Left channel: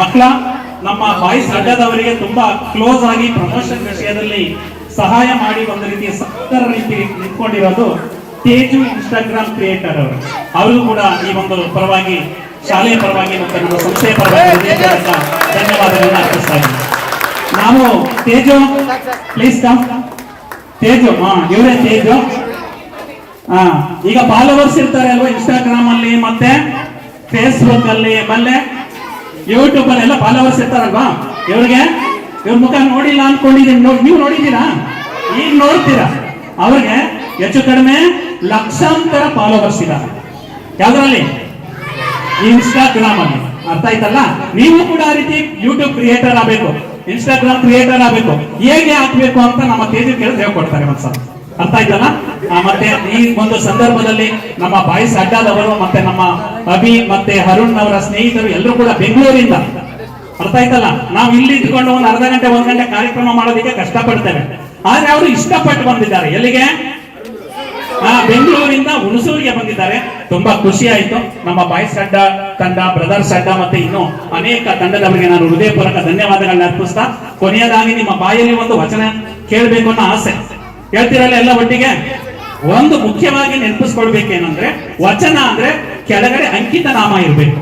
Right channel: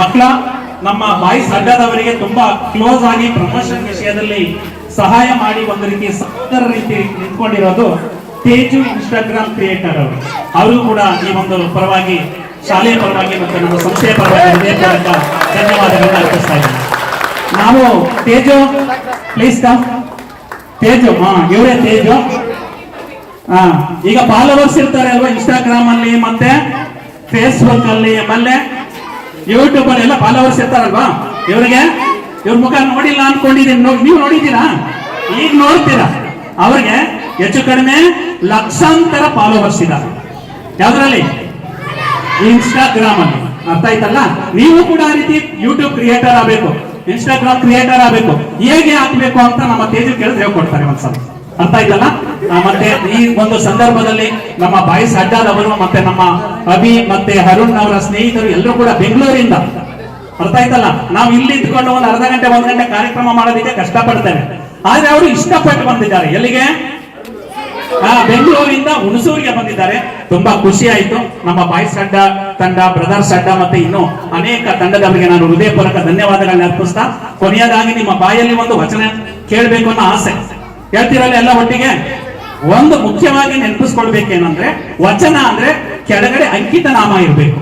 ಮಕ್ಕಳ, ನಮ್ಮ ಬಾಯ್ಸ್ ಅಡ್ಡದವರಿಗೆ ತುಂಬಾ ಕ್ಲೋಸ್ ಆಗಿ ಪ್ರಮೋಷನ್ ವಿಷಯದಲ್ಲಿ ಸಹಾಯ ಮಾಡಿ ಒಂದು ರೀತಿ ಸಹೋದರ ರೀತಿ ನಿಂತ್ಕೊಂಡಿರೋದು ತೇಜು ಇನ್ಸ್ಟಾಗ್ರಾಮ್ ಕ್ರಿಯೇಟರ್ ಅವರು. ಅವರು ಕೂಡ ಈ ಒಂದು ಪರವಾಗಿ, ಶಾಲೆಯ ಪರವಾಗಿ ಮತ್ತು ನಮ್ಮ ಸಂಸ್ಥೆಯ ಪರವಾಗಿ ಧನ್ಯವಾದಗಳನ್ನು ಅರ್ಪಿಸ್ತಾ ಇದ್ದೀನಿ. ನಾವು ತೇಜು ಪ್ಲೀಸ್ ಕಮ್ ತೇಜು, ಹಾ, ಇವರೇ ತೇಜು. ಹಾ, ಈಗ ಫಾಲೋವರ್ಸ್ ಇರ್ತಾರೆ ಅಲ್ವಾ ಇನ್ಸ್ಟಾಗ್ರಾಮ್ ಅಲ್ಲಿ, ಮತ್ತೆ ಫೇಸ್ಬುಕ್ ಅಲ್ಲಿ ಆಮೇಲೆ ಯೂಟ್ಯೂಬ್ ಎಲ್ಲ ಫಾಲೋವರ್ಸ್ ಇರ್ತಾರಲ್ವಾ? ಇವ್ರಿಗೆ? ಇವ್ರ ಮುಖ ನೋಡಿಲ್ಲ ನೋಡಿ ನೀವು ನೋಡಿದ್ದೀರಾ? ಈಗ ನೋಡ್ತೀರಾ? ಅವ್ರಿಗೆ ಹೆಚ್ಚು ಕಡಿಮೆ ಲಕ್ಷಾಂತರ ಫಾಲೋವರ್ಸ್ ಇದ್ದಾರೆ. ಯಾವ್ದ್ರಲ್ಲಿ? ಇನ್ಸ್ಟಾಗ್ರಾಮ್ ಅಲ್ಲಿ ಅರ್ಥ ಆಯ್ತಲ್ಲ? ನೀವು ಕೂಡ ಆ ರೀತಿ ಯೂಟ್ಯೂಬ್ ಕ್ರಿಯೇಟರ್ ಆಗಬೇಕು. ಇನ್ಸ್ಟಾಗ್ರಾಮ್ ಕ್ರಿಯೇಟರ್ ಆಗಬೇಕು. ಹೇಗೆ ಹಾಕ್ಬೇಕು ಅಂತ ನಮ್ಮ ತೇಜು ಕೇಳಿದ್ರೆ ಹೇಳ್ಕೊಡ್ತಾರೆ ಒಂದ್ಸಲ. ಅರ್ಥ ಆಯ್ತಲ್ಲ ಮತ್ತೆ ಈ ಒಂದು ಸಂದರ್ಭದಲ್ಲಿ ನಮ್ಮ ಬಾಯ್ಸ್ ಅಡ್ಡಾದವರು ಮತ್ತೆ ನಮ್ಮ ಅಭಿ ಮತ್ತೆ ಅರುಣ್ ಅವರ ಸ್ನೇಹಿತರು ಎಲ್ಲರೂ ಕೂಡ ಬೆಂಗಳೂರಿಂದ. ಅರ್ಥ ಆಯ್ತಲ್ಲ ನಾವು ಇಲ್ಲಿ ಇಟ್ಕೊಂಡು ಒಂದು ಅರ್ಧ ಗಂಟೆ, ಒಂದ್ ಗಂಟೆ ಕಾರ್ಯಕ್ರಮ ಮಾಡೋದಕ್ಕೆ ಕಷ್ಟಪಡ್ತೇವೆ. ಆದ್ರೆ ಅವರು ಇಷ್ಟಪಟ್ಟು ಬಂದಿದ್ದಾರೆ. ಎಲ್ಲಿಗೆ? ಬೆಂಗಳೂರಿಂದ ಹುಣಸೂರಿಗೆ ಬಂದಿದ್ದಾರೆ. ತುಂಬಾ ಖುಷಿ ಆಯ್ತು. ನಮ್ಮ ಬಾಯ್ಸ್ ಅಡ್ಡ ತಂಡ, ಬ್ರದರ್ಸ್ ಅಡ್ಡ ಮತ್ತೆ ಇನ್ನು ಅನೇಕ ತಂಡದವರಿಗೆ ನಾನು ಹೃದಯಪೂರ್ವಕ ಧನ್ಯವಾದಗಳನ್ನ ಅರ್ಪಿಸ್ತಾ, ಕೊನೆಯದಾಗಿ ನಿಮ್ಮ ಬಾಯಲ್ಲಿ ಒಂದು ವಚನ ಕೇಳಬೇಕು ಅನ್ನೋ ಆಸೆ. ಹೇಳ್ತಿರಲ್ಲ ಎಲ್ಲ ಒಟ್ಟಿಗೆ? ಒಂದು ಮುಖ್ಯವಾಗಿ ನೆನಪಿಸ್ಕೊಳ್ಬೇಕೇನಂದ್ರೆ ವಚನ ಅಂದ್ರೆ ಕೆಳಗಡೆ ಅಂಕಿತ ನಾಮ ಇರ್ಬೇಕು.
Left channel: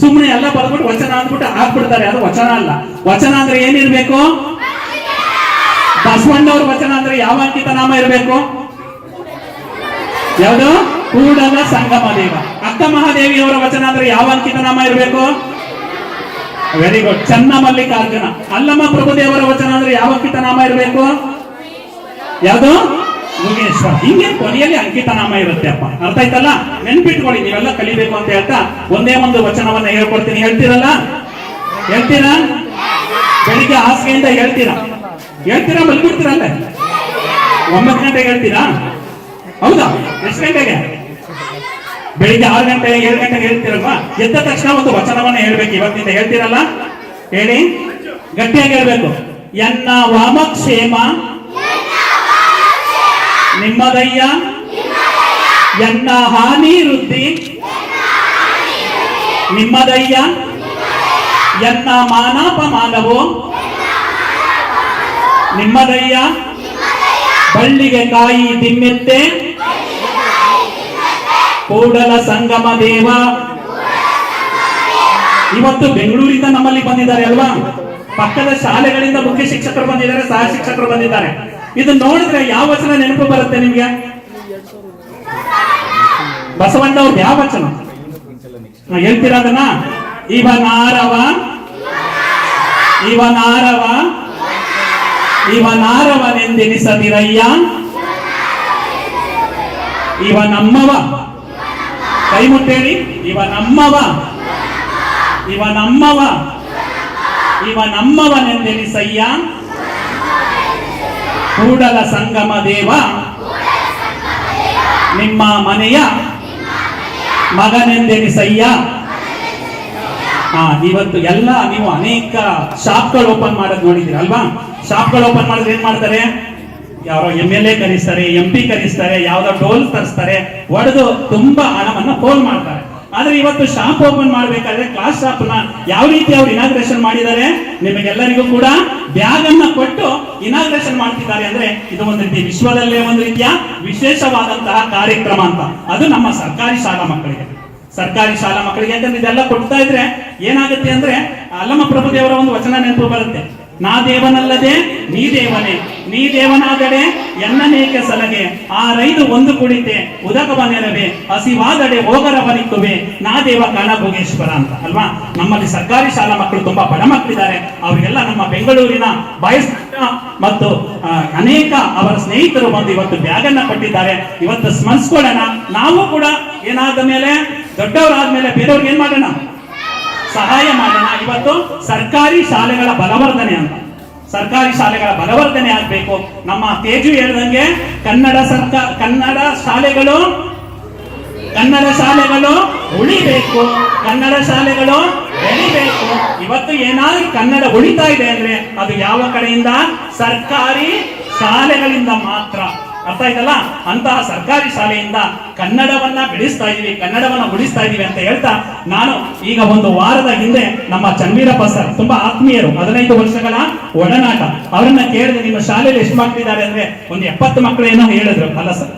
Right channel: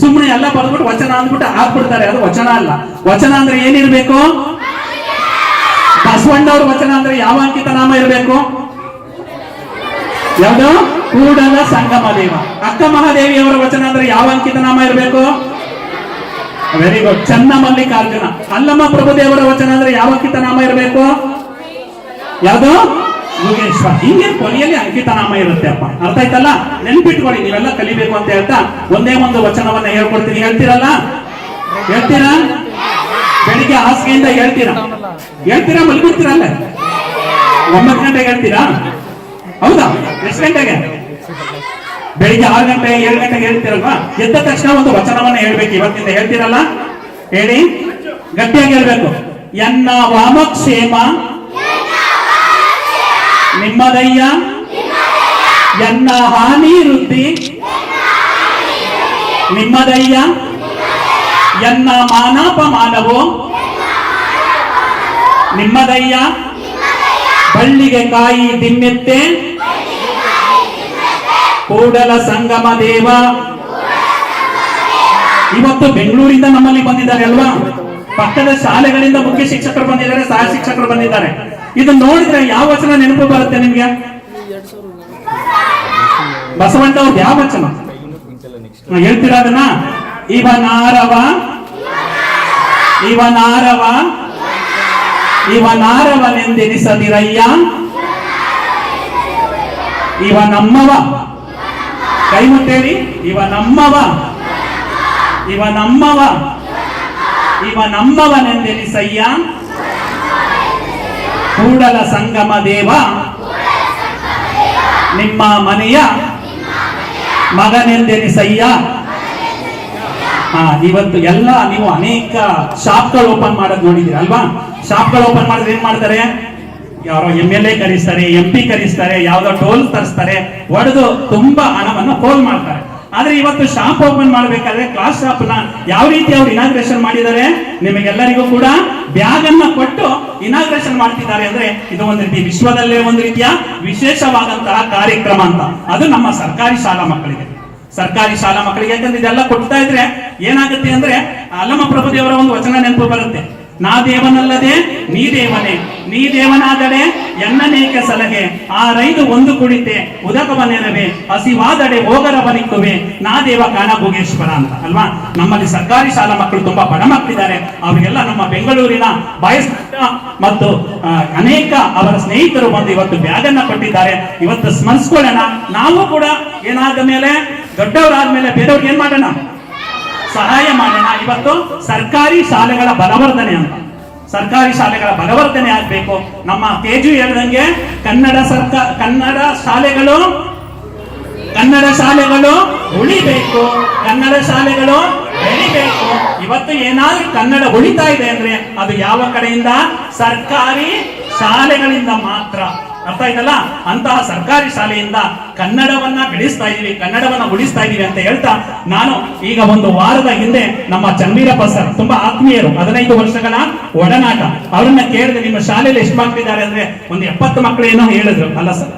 ಸುಮ್ಮನೆ ಎಲ್ಲ ಬರೆದ್ಬಿಟ್ಟು ವಚನ ಅಂದ್ಬಿಟ್ಟು ಹಾಕ್ಬಿಡ್ತಾರೆ. ಅದು ವಚನ ಅಲ್ಲ. ವಚನ ಅಂದ್ರೆ ಏನಿರ್ಬೇಕು? ಬಸವಣ್ಣವ್ರ ವಚನ ಅಂದ್ರೆ ಯಾವ ಅಂಕಿತ ನಾಮ ಇರಬೇಕು? ಯಾವುದು? ಕೂಡಲ ಸಂಗಮ ದೇವ ಅಕ್ಕ ಮಹಾದೇವಿಯವರ ವಚನ ಅಂದ್ರೆ ಯಾವ ಅಂಕಿತ ನಾಮ ಇರಬೇಕು? ವೆರಿ ಗುಡ್ ಚನ್ನ ಮಲ್ಲಿಕಾರ್ಜುನ ಅಲ್ಲಮ್ಮ ಪ್ರಭುದೇವರ ವಚನ ಅಂದ್ರೆ ಯಾವ ಅಂಕಿತ ನಾಮ ಇರಬೇಕು? ಯಾವುದು? ಯೋಗೇಶ್ವರ ಹಿಂಗೆ ಕೊನೆಯಲ್ಲಿ ಅಂಕಿತ ನಾಮ ಇರುತ್ತೆ ಅಪ್ಪ. ಅರ್ಥ ಆಯ್ತಲ್ಲ? ನೆನ್ಪಿಟ್ಕೊಳ್ಳಿ, ನೀವೆಲ್ಲ ಕಲಿಬೇಕು ಅಂತ ಹೇಳ್ತಾ ಒಂದೇ ಒಂದು ವಚನವನ್ನ ಹೇಳ್ಕೊಡ್ತೀನಿ. ಹೇಳ್ತೀರಲ್ಲ? ಹೇಳ್ತೀರಾ? ಬೆಳಿಗ್ಗೆ ಹಾಸಿಗೆಯಿಂದ ಹೇಳ್ತೀರಾ? ಹೇಳ್ತೀರಾ? ಮಲ್ಬಿಡ್ತೀರಲ್ಲ ಒಂಬತ್ತು ಗಂಟೆಗೆ ಹೇಳ್ತೀರಾ? ಹೌದಾ? ಎಷ್ಟು ಗಂಟೆಗೆ? ಬೆಳಿಗ್ಗೆ ಆರು ಗಂಟೆ, ಏಳು ಗಂಟೆಗೆ ಹೇಳ್ತೀರಲ್ವಾ? ಎದ್ದ ತಕ್ಷಣ ಒಂದು ವಚನವನ್ನ ಹೇಳ್ಬೇಕು. ಇವತ್ತಿಂದ ಹೇಳ್ತೀರಲ್ಲ? ಹೇಳಿ? ಗಟ್ಟಿಯಾಗಿ ಹೇಳ್ಬೇಕು. ಎನ್ನ ವಾಮಕ್ಷೇಮ ನಿಮ್ಮದಯ್ಯ? ಎನ್ನ ಹಾನಿ ವೃದ್ಧಿ ನಿಮ್ಮದಯ್ಯ? ಎನ್ನ ಮಾನಾಪಮಾನವು? ನಿಮ್ಮದಯ್ಯ? ಬಳ್ಳಿಗೆ ಕಾಯಿ ದಿಮ್ಮೆತ್ತೆ ಕೂಡಲ ಸಂಗಮ ದೇವ? ಇವತ್ತು ಬೆಂಗಳೂರಿಂದ ನಮ್ಮಲ್ಲಿ ಬಂದಿದ್ದಾರೆ ಅಲ್ವಾ? ಪಕ್ಕದ ಶಾಲೆಗಳಿಂದ ಮುಖ್ಯ ಶಿಕ್ಷಕರು ಬಂದಿದ್ದಾರೆ, ಸಹ ಶಿಕ್ಷಕರು ಬಂದಿದ್ದಾರೆ. ಇದು ನೋಡಿದ್ರೆ ಯಾವ ವಚನ ನೆನಪು ಬರುತ್ತೆ ನಿಮ್ಗೆ? ಬಸವಣ್ಣ ಅವ್ರು ಯಾವ ವಚನ? ಹೇಳ್ತೀರಾ ಅದನ್ನ? ಇವನಾರವ ಇವನಾರವ ಇವನಾರವನೆಂದೆನಿಸದಿರಯ್ಯ ಇವ ನಮ್ಮವ. ಕೈ ಮುಟ್ಟೇಳಿ ಇವ ನಮ್ಮವ. ಇವ ನಮ್ಮವ. ಇವ ನಮ್ಮವನೆಂದೆನಿಸಯ್ಯ ಕೂಡಲ ಸಂಗಮ ದೇವ. ನಿಮ್ಮ ಮನೆಯ ಮಗನೆಂದೆನಿಸಯ್ಯ. ಹಾ ಇವತ್ತು ಎಲ್ಲ ನೀವು ಅನೇಕ ಶಾಪ್ಗಳು ಓಪನ್ ಮಾಡೋದು ನೋಡಿದ್ದೀರಿ ಅಲ್ವಾ? ಶಾಪ್ಗಳು ಓಪನ್ ಮಾಡಿದ್ರೆ ಏನ್ ಮಾಡ್ತಾರೆ? ಯಾರೋ ಎಂ ಎಲ್ ಎ ಕರೆಸ್ತಾರೆ ಎಂ ಪಿ ಕರೆಸ್ತಾರೆ, ಯಾವ್ದೋ ಟೋಲ್ ತರಿಸ್ತಾರೆ, ಒಡೆದು ತುಂಬಾ ಹಣವನ್ನ ಫೋನ್ ಮಾಡ್ತಾರೆ. ಆದ್ರೆ ಇವತ್ತು ಶಾಪ್ ಓಪನ್ ಮಾಡಬೇಕಾದ್ರೆ ಕ್ಲಾಸ್ ಶಾಪ್ ಯಾವ ರೀತಿ ಅವ್ರು ಇನಾಗ್ರೇಷನ್ ಮಾಡಿದ್ದಾರೆ, ನಿಮಗೆಲ್ಲರಿಗೂ ಕೂಡ ಬ್ಯಾಗ್ ಅನ್ನ ಕೊಟ್ಟು ಇನಾಗ್ರೇಷನ್ ಮಾಡ್ತಿದ್ದಾರೆ ಅಂದ್ರೆ ಇದು ಒಂದು ರೀತಿ ವಿಶ್ವದಲ್ಲೇ ಒಂದು ರೀತಿಯ ವಿಶೇಷವಾದಂತಹ ಕಾರ್ಯಕ್ರಮ ಅಂತ. ಅದು ನಮ್ಮ ಸರ್ಕಾರಿ ಶಾಲಾ ಮಕ್ಕಳಿಗೆ. ಸರ್ಕಾರಿ ಶಾಲಾ ಮಕ್ಕಳಿಗೆ ಯಾಕಂದ್ರೆ ಇದೆಲ್ಲ ಕೊಡ್ತಾ ಇದ್ರೆ ಏನಾಗುತ್ತೆ ಅಂದ್ರೆ ಅಲ್ಲಮ್ಮ ಪ್ರಭುದೇವರ ಒಂದು ವಚನ ನೆನಪು ಬರುತ್ತೆ. ನಾ ದೇವನಲ್ಲದೆ, ನೀ ದೇವನೇ. ನೀ ದೇವನಾದಡೆ, ಎನ್ನನೇಕ ಸಲಹೆ. ಆ ರೈದು ಒಂದು ಕುಡಿತೆ ಉದಕವ ನೆರವೆ ಹಸಿವಾದಡೆ ಹೋಗರ ಬಲಿಕ್ಕುವೆ ನಾ ದೇವ ಕಾಣ ಭೋಗೇಶ್ವರ ಅಂತ, ಅಲ್ವಾ? ನಮ್ಮಲ್ಲಿ ಸರ್ಕಾರಿ ಶಾಲಾ ಮಕ್ಕಳು ತುಂಬಾ ಬಡ ಮಕ್ಕಳಿದ್ದಾರೆ ಅವರಿಗೆಲ್ಲ ನಮ್ಮ ಬೆಂಗಳೂರಿನ ಬಾಯ್ಸ್ ಮತ್ತು ಅನೇಕ ಅವರ ಸ್ನೇಹಿತರು ಬಂದು ಇವತ್ತು ಬ್ಯಾಗ್ ಅನ್ನ ಕೊಟ್ಟಿದ್ದಾರೆ. ಇವತ್ತು ಸ್ಮರಿಸ್ಕೊಳ್ಳೋಣ. ನಾವು ಕೂಡ ಏನಾದ ಮೇಲೆ ದೊಡ್ಡವರಾದ ಮೇಲೆ ಬೇರೆಯವ್ರಿಗೆ ಏನ್ ಮಾಡೋಣ? ಸಹಾಯ ಮಾಡೋಣ ಇವತ್ತು ಸರ್ಕಾರಿ ಶಾಲೆಗಳ ಬಲವರ್ಧನೆ ಅಂತ. ಸರ್ಕಾರಿ ಶಾಲೆಗಳ ಬಲವರ್ಧನೆ ಆಗಬೇಕು. ನಮ್ಮ ತೇಜು ಹೇಳಿದಂಗೆ ಕನ್ನಡ ಸರ್ಕಾರ ಕನ್ನಡ ಶಾಲೆಗಳು ಕನ್ನಡ ಶಾಲೆಗಳು ಉಳಿಬೇಕು. ಕನ್ನಡ ಶಾಲೆಗಳು ಬೆಳಿಬೇಕು. ಇವತ್ತು ಏನಾದ್ರೂ ಕನ್ನಡ ಉಳಿತಾ ಇದೆ ಅಂದ್ರೆ ಅದು ಯಾವ ಕಡೆಯಿಂದ? ಸರ್ಕಾರಿ ಶಾಲೆಗಳಿಂದ ಮಾತ್ರ. ಅರ್ಥ ಆಯ್ತಲ್ಲ? ಅಂತಹ ಸರ್ಕಾರಿ ಶಾಲೆಯಿಂದ ಕನ್ನಡವನ್ನ ಬೆಳೆಸ್ತಾ ಇದೀವಿ, ಕನ್ನಡವನ್ನ ಉಳಿಸ್ತಾ ಇದೀವಿ ಅಂತ ಹೇಳ್ತಾ ನಾನು ಈಗ ಒಂದು ವಾರದ ಹಿಂದೆ ನಮ್ಮ ಚನ್ವೀರಪ್ಪ ಸರ್, ತುಂಬಾ ಆತ್ಮೀಯರು, ಹದಿನೈದು ವರ್ಷಗಳ ಒಡನಾಟ, ಅವ್ರನ್ನ ಕೇಳಿದ್ರೆ ನಿಮ್ಮ ಶಾಲೆಯಲ್ಲಿ ಎಷ್ಟು ಮಕ್ಕಳಿದ್ದಾರೆ ಅಂದ್ರೆ ಒಂದು ಎಪ್ಪತ್ತು ಮಕ್ಕಳೇನೋ ಹೇಳಿದ್ರು. ಅಲ್ಲ ಸರ್?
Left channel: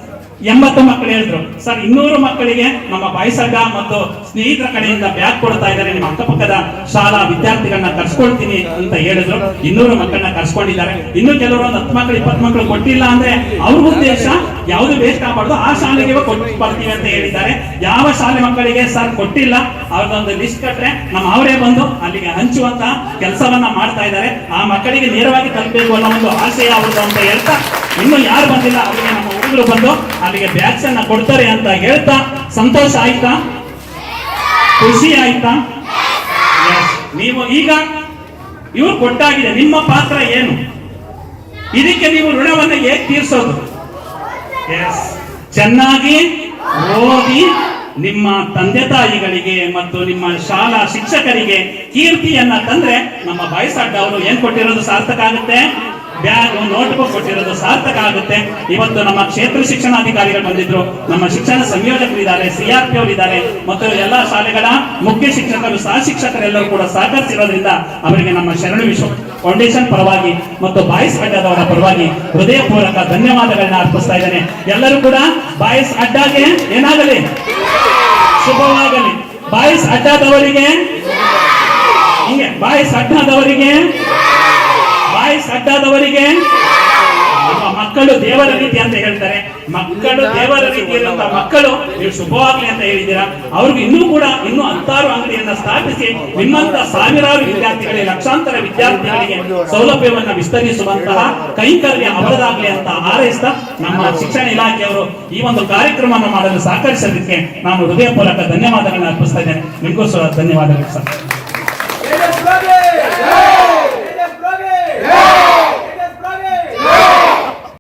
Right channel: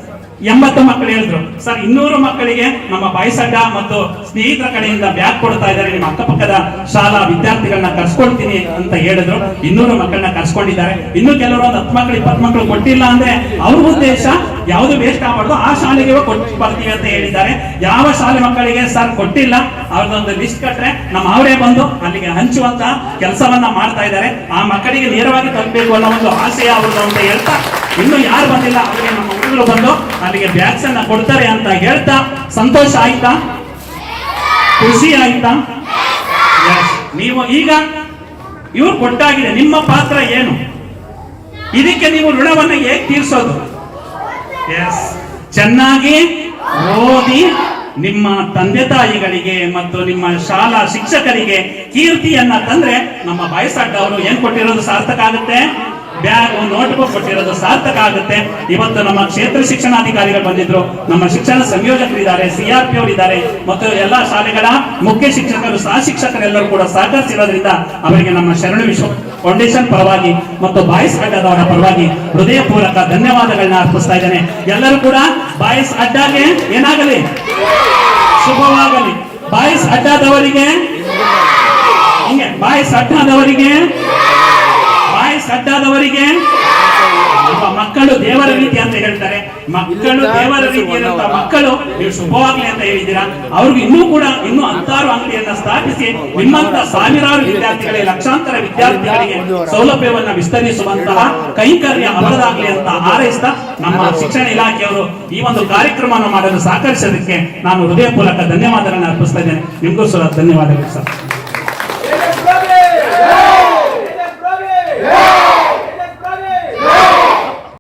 ಎಂಬತ್ತು ಮಕ್ಕಳು ಹೇಳಿದ್ರು. ಸರ್, ಇನ್ನೂರು ಮಕ್ಕಳಿಗೆ ನಮ್ಮ ಬಾಯ್ಸಡ್ಡ ಮತ್ತು ಸ್ನೇಹಿತರ ಕಡೆಯಿಂದ ಬ್ಯಾಗ್ ಕೊಡ್ತಾ ಇದ್ದಾರೆ. ನಿಮ್ಮ ಅಕ್ಕಪಕ್ಕದ ಶಾಲಾ ವಿದ್ಯಾರ್ಥಿಗಳನ್ನ ಕರ್ಸ್ಕೊಳ್ತೀನಿ ಅಂತ ಹೇಳಿದ್ರು. ಇನ್ನೂರು ಮಕ್ಕಳನ್ನ ಕರ್ಸ್ಕೊಂಡಿದ್ದಾರೆ. ಇನ್ನು ಕೆಲವರು ಒಂದು ಹತ್ತು ಮಕ್ಕಳು, ಇಪ್ಪತ್ತು ಮಕ್ಕಳು ಕೊಟ್ಟಿಲ್ಲ ಅಂದ್ರೆ ಅವ್ರ ಉದ್ದೇಶ ಯಾವುದು ವೇಸ್ಟ್ ಆಗಬಾರ್ದು. ಆ ಶಾಲೆಗೆ ಬರ್ತೀವಿ ಅಂತ ಹೇಳಿದ್ದಾರೆ. ಯಾವ ಶಾಲೆ ಮಕ್ಕಳಿಗೆ ಸರ್ ಕೊಟ್ಟಿಲ್ಲ? ಅವ್ರದೊಂದು ಲಿಸ್ಟ್ ಕಟ್ರೆ ನಮ್ಮ ಅವರೇ ಬಂದು ಅಲ್ಲಿಗೆ ಹಂಚುವಂತ ಕೆಲಸವನ್ನ ಮಾಡ್ತಾ ಇದ್ದಾರೆ. ಆ ಮಕ್ಕಳಿಗೆ ನೇರವಾಗಿ ತಲುಪಬೇಕು ಅನ್ನೋ ಒಂದು ಆಸೆ ಅವ್ರದ್ದು ಅಂತ ಹೇಳ್ತಾ ಇನ್ನು ಯಾರು ಬಂದಿಲ್ಲ, ಅವರಿಗೆ ನಮ್ಮ ಹುಡುಗರು ಬಂದು ಅಲ್ಲಿಗೆ ಬ್ಯಾಗ್ಸ್ ಅನ್ನ ಕೊಡ್ತಾರೆ ಅಂತ ಹೇಳ್ತಾ ಸಂತೋಷ ಆಯ್ತಾ? ಖುಷಿ ಆಯ್ತಾ. ನೀವು ಈಗ ಇವ್ರು ಕೊಟ್ಟಾಗಿದೆ, ನಿಮ್ಮ ಪಾತ್ರ ಏನು? ಇದಕ್ಕೆ ನೀವು ಋಣವನ್ನ ಹೇಗೆ ತೀರಿಸೋದು? ಚೆನ್ನಾಗಿ ಓದಿ ನಿಮ್ಮ ತಂದೆ ತಾಯಿಗಳಿಗೆ ಮತ್ತು ನಿಮ್ಮ ಶಾಲಾ ಶಿಕ್ಷಕರಿಗೆ ಕೀರ್ತಿಯನ್ನ ತಂದ್ರೆ ನಮ್ಮ ಬಾಯ್ಸಡ್ಡ ಅವರು ಏನ್ ಕೊಟ್ಟಿರೋದು ಸಾರ್ಥಕ ಆಗುತ್ತೆ? ಬ್ಯಾಗ್ ನೋಟ್ ಬುಕ್ ಕೊಟ್ಟಿರೋದು ಸಾರ್ಥಕ ಆಗುತ್ತೆ. ಇವತ್ತು ನಮ್ಮ ಕ್ಷೇತ್ರ ಶಿಕ್ಷಣಾಧಿಕಾರಿಗಳು ಬಂದಿದ್ರು. ನಮ್ಮ ಶಿಕ್ಷಣ ಸಂಯೋಜಕರಿದ್ದಾರೆ ಸಿಆರ್ಪಿ ಅವರು ಇದ್ದಾರೆ ಮತ್ತು ಎಲ್ಲಾ ಶಾಲೆಗಳ ಮುಖ್ಯ ಶಿಕ್ಷಕರು, ಸಹ ಶಿಕ್ಷಕರೆಲ್ಲರೂ ಕೂಡ ಸಹಕರಿಸಿರೋದ್ರಿಂದ ಅವರಿಗೆ ನಮ್ಮ ಶರಣು ವಿಶ್ವ ಫೌಂಡೇಶನ್ ಪರವಾಗಿ ಮತ್ತು ಬಾಯ್ಸ್ ಅಡ್ಡದವರ ಪರವಾಗಿ ಹೃದಯಪೂರ್ವಕ ಧನ್ಯವಾದಗಳನ್ನ ಅರ್ಪಿಸ್ತಾ ಇದ್ದೇನೆ. ಎಲ್ಲರೂ ಕೂಡ ಬಾಯ್ಸ್ ಅಡ್ಡಾಗೆ ಏನಾಗಲಿ? ಶುಭವಾಗಲಿ. ಬಾಯ್ಸ್ ಅಡ್ಡದವರಿಗೆ? ಹಿಂಗೆ, ಬಾಯ್ಸ್ ಅಡ್ಡದವರಿಗೆ ನಮ್ಮ ಮಕ್ಕಳು ದೇವರ ರೀತಿ ಅಂತ ಹೇಳ್ತಾರೆ. ಮಕ್ಕಳು ದೇವರ ರೀತಿ ಇರುವಂತಹ ಮಕ್ಕಳು ನೀವು ಶುಭವಾಗ್ಲಿ ಅಂತ ಹೇಳಿದ್ದೀರಾ? ಅವ್ರಿಗೆ ಇನ್ನೂ ಕೂಡ ಇನ್ನೂ ಹತ್ತಾರು ಅಂಗಡಿಯನ್ನ ಸ್ಥಾಪಿಸಿ ನಿಮ್ಮಂತ ಸಾವಿರಾರು ವಿದ್ಯಾರ್ಥಿಗಳಿಗೆ ಲಕ್ಷಾಂತರ ವಿದ್ಯಾರ್ಥಿಗಳಿಗೆ ಸೌಲಭ್ಯವನ್ನ ವಿಸ್ತರಿಸುವಂತಹ ಕೈಂಕರ್ಯ ಅವರದಾಗ್ಲಿ ಅಂತ ಹಾರೈಸ್ತಾ ನಮ್ಮ ಶಿಕ್ಷಣ ಇಲಾಖೆಯವರು ಈ ಒಂದು ಕಾರ್ಯಕ್ರಮವನ್ನು ಮಾಡಲು ಸಹಕರಿಸೋದಕ್ಕೆ ನಾನು ಹೃದಯಪೂರ್ವಕ ಧನ್ಯವಾದಗಳನ್ನು ಅರ್ಪಿಸ್ತಾ ಇದ್ದೇನೆ. ನಿಮಗೂ ಸಹ ಧನ್ಯವಾದಗಳು ಸರ್.